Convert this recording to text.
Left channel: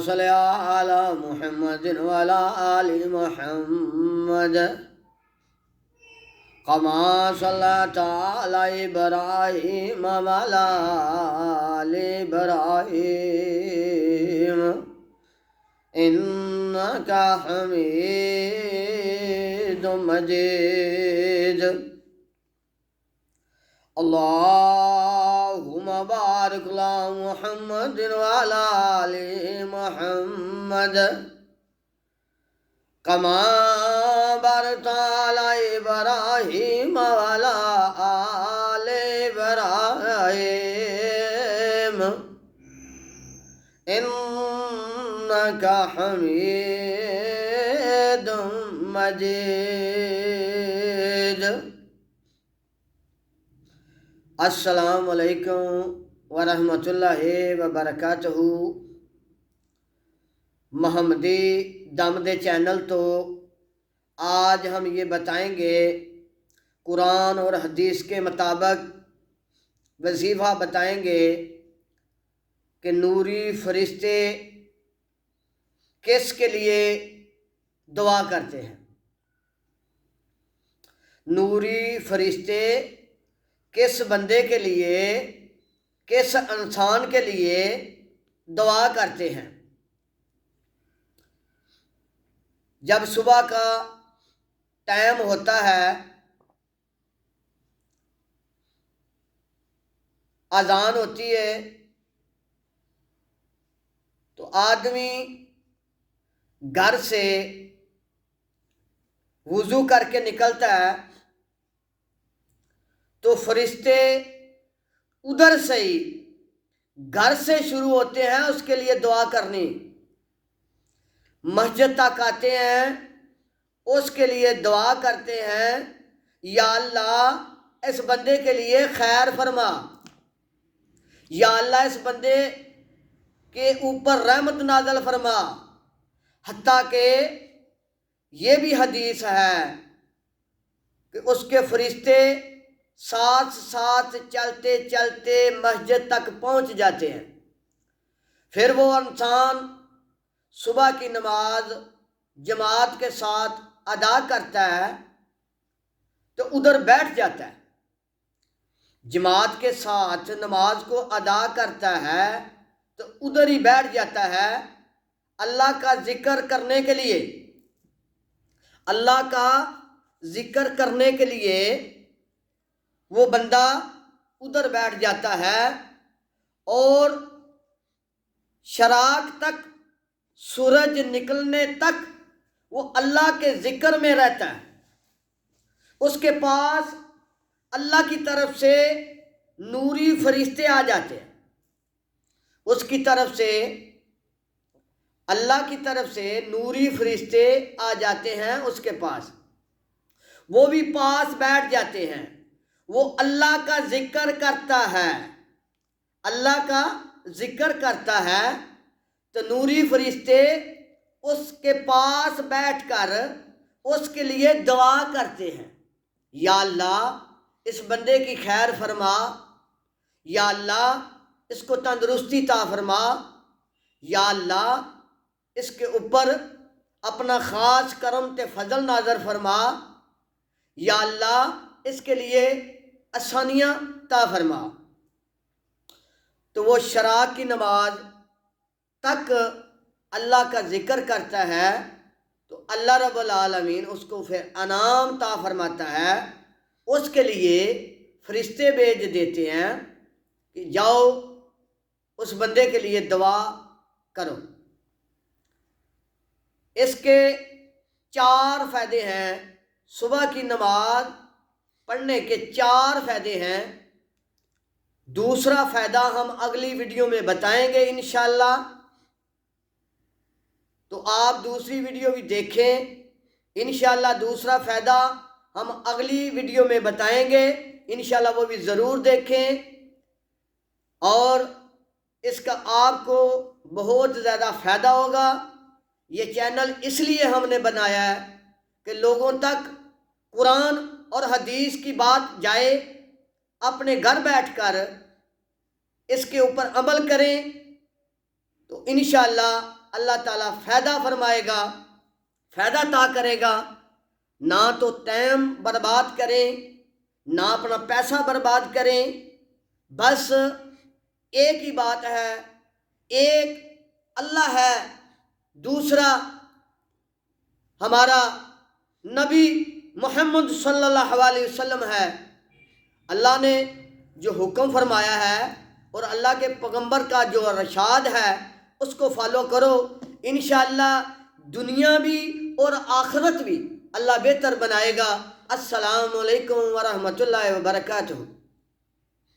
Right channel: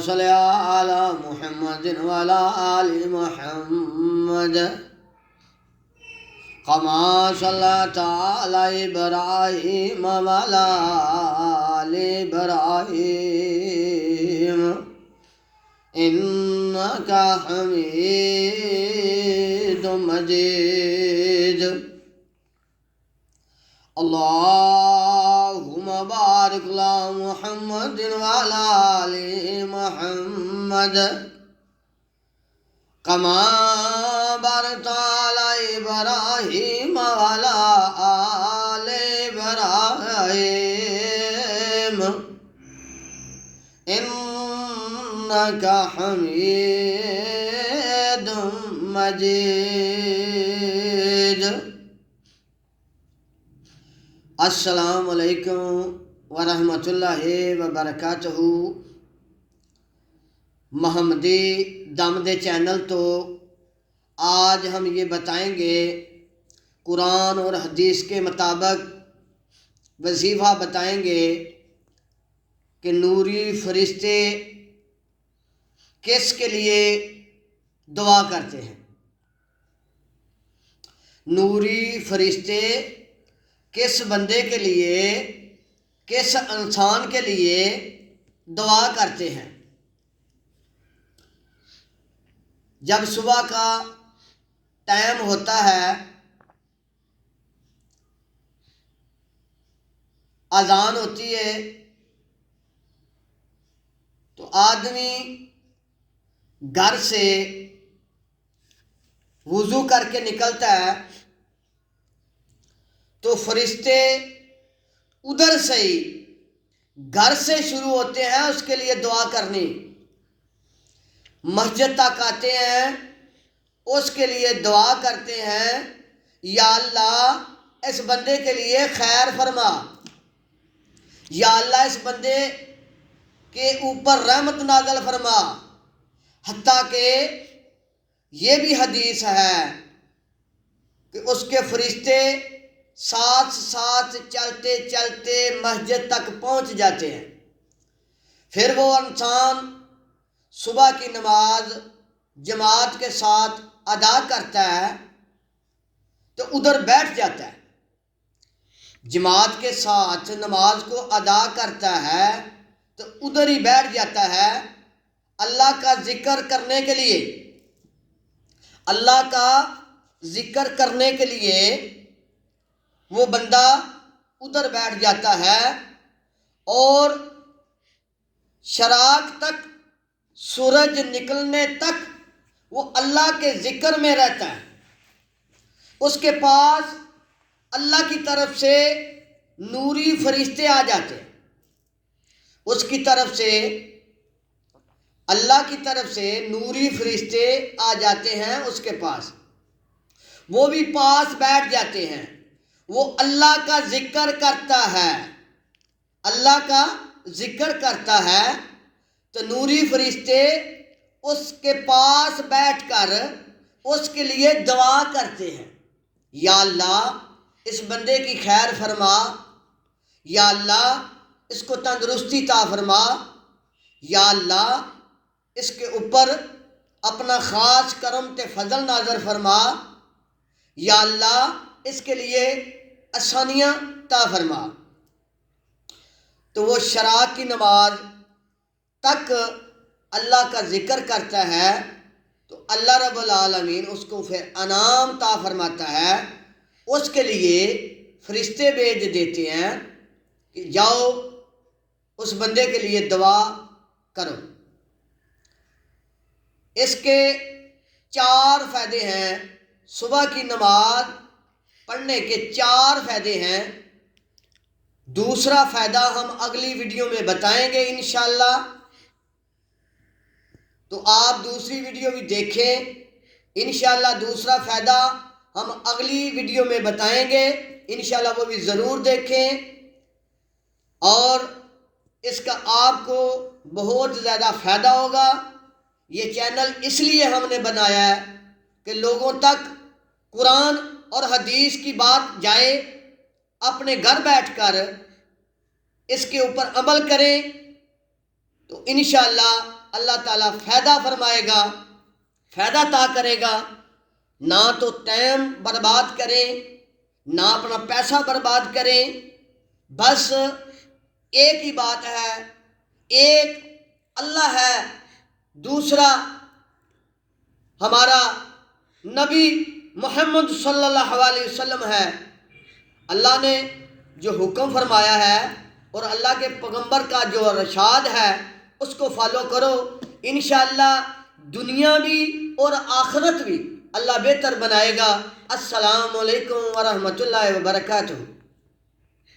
صل على محمد وعلى آل محمد كما صليت على إبراهيم وعلى آل إبراهيم إنك حميد مجيد. اللهم بارك على محمد وعلى آل محمد كما باركت على إبراهيم وعلى آل إبراهيم إنك حميد مجيد. السلام علیکم ورحمۃ اللہ وبرکاتہ. محمدی دم دے چینل تو آج ہم یہ بتائیں گے قرآن اور حدیث کے مطابق وظیفہ بتائیں گے کہ نوری فرشتے کس کے لیے دعا کرتے ہیں. نوری فرشتے کس بندے کے لیے، کس انسان کے لیے دعا کرتے ہیں. جب صبح کا ٹائم ہوتا ہے، اذان ہوتی ہے، تو آدمی گھر سے وضو کر کے نکلتا ہے تو فرشتے ادھر سے ہی گھر سے شروع ہوتے ہیں اس کے لیے دعا کرنی. مسجد تک آتے ہیں، اس کے لیے دعا کرتے ہیں، یا اللہ اس بندے کے لیے خیر فرما، یا اللہ اس بندے کے اوپر رحمت نازل فرما. حتیٰ کہ یہ بھی حدیث ہے کہ اس کے فرشتے ساتھ ساتھ چلتے چلتے مسجد تک پہنچ جاتے ہیں. پھر وہ انسان صبح کی نماز جماعت کے ساتھ ادا کرتا ہے تو ادھر بیٹھ جاتا ہے. جماعت کے ساتھ نماز کو ادا کرتا ہے تو ادھر ہی بیٹھ جاتا ہے اللہ کا ذکر کرنے کے لیے. اللہ کا ذکر کرنے کے لیے وہ بندہ ادھر بیٹھ جاتا ہے اور شراق تک، سورج نکلنے تک وہ اللہ کے ذکر میں رہتا ہے. اس کے پاس اللہ کی طرف سے نوری فرشتے آ جاتے ہیں. اس کی طرف سے، اللہ کی طرف سے نوری فرشتے آ جاتے ہیں اس کے پاس. وہ بھی پاس بیٹھ جاتے ہیں. وہ اللہ کا ذکر کرتا ہے، اللہ کا ذکر کرتا ہے تو نوری فرشتے اس کے پاس بیٹھ کر اس کے لیے دعا کرتے ہیں. یا اللہ اس بندے کی خیر فرما، یا اللہ اس کو تندرستی عطا فرما، یا اللہ اس کے اوپر اپنا خاص کرم تے فضل نازل فرما، یا اللہ اس کے لیے آسانیاں عطا فرما. تو وہ شراق کی نماز تک اللہ کا ذکر کرتا ہے تو اللہ رب العالمین اس کو پھر انعام عطا فرماتا ہے. اس کے لیے فرشتے بھیج دیتے ہیں کہ جاؤ اس بندے کے لیے دعا کرو. اس کے 4 فائدے ہیں. صبح کی نماز پڑھنے کے 4 فائدے ہیں. دوسرا فائدہ ہم اگلی ویڈیو میں بتائیں گے انشاءاللہ، تو آپ دوسری ویڈیو بھی دیکھیں. انشاءاللہ دوسرا فائدہ ہم اگلی ویڈیو میں بتائیں گے، انشاءاللہ وہ بھی ضرور دیکھیں. اور اس کا آپ کو بہت زیادہ فائدہ ہوگا. یہ چینل اس لیے ہم نے بنایا ہے کہ لوگوں تک قرآن اور حدیث کی بات جائے، اپنے گھر بیٹھ کر اس کے اوپر عمل کریں تو انشاءاللہ اللہ تعالیٰ فائدہ فرمائے گا، فائدہ عطا کرے گا۔ نہ تو ٹائم برباد کریں، نہ اپنا پیسہ برباد کریں، بس ایک ہی بات ہے، ایک اللہ ہے، دوسرا ہمارا نبی محمد صلی اللہ علیہ وسلم ہے۔ اللہ نے جو حکم فرمایا ہے اور اللہ کے پیغمبر کا جو ارشاد ہے اس کو فالو کرو، انشاءاللہ دنیا بھی اور آخرت بھی اللہ بہتر بنائے گا۔ السلام علیکم ورحمۃ اللہ وبرکاتہ۔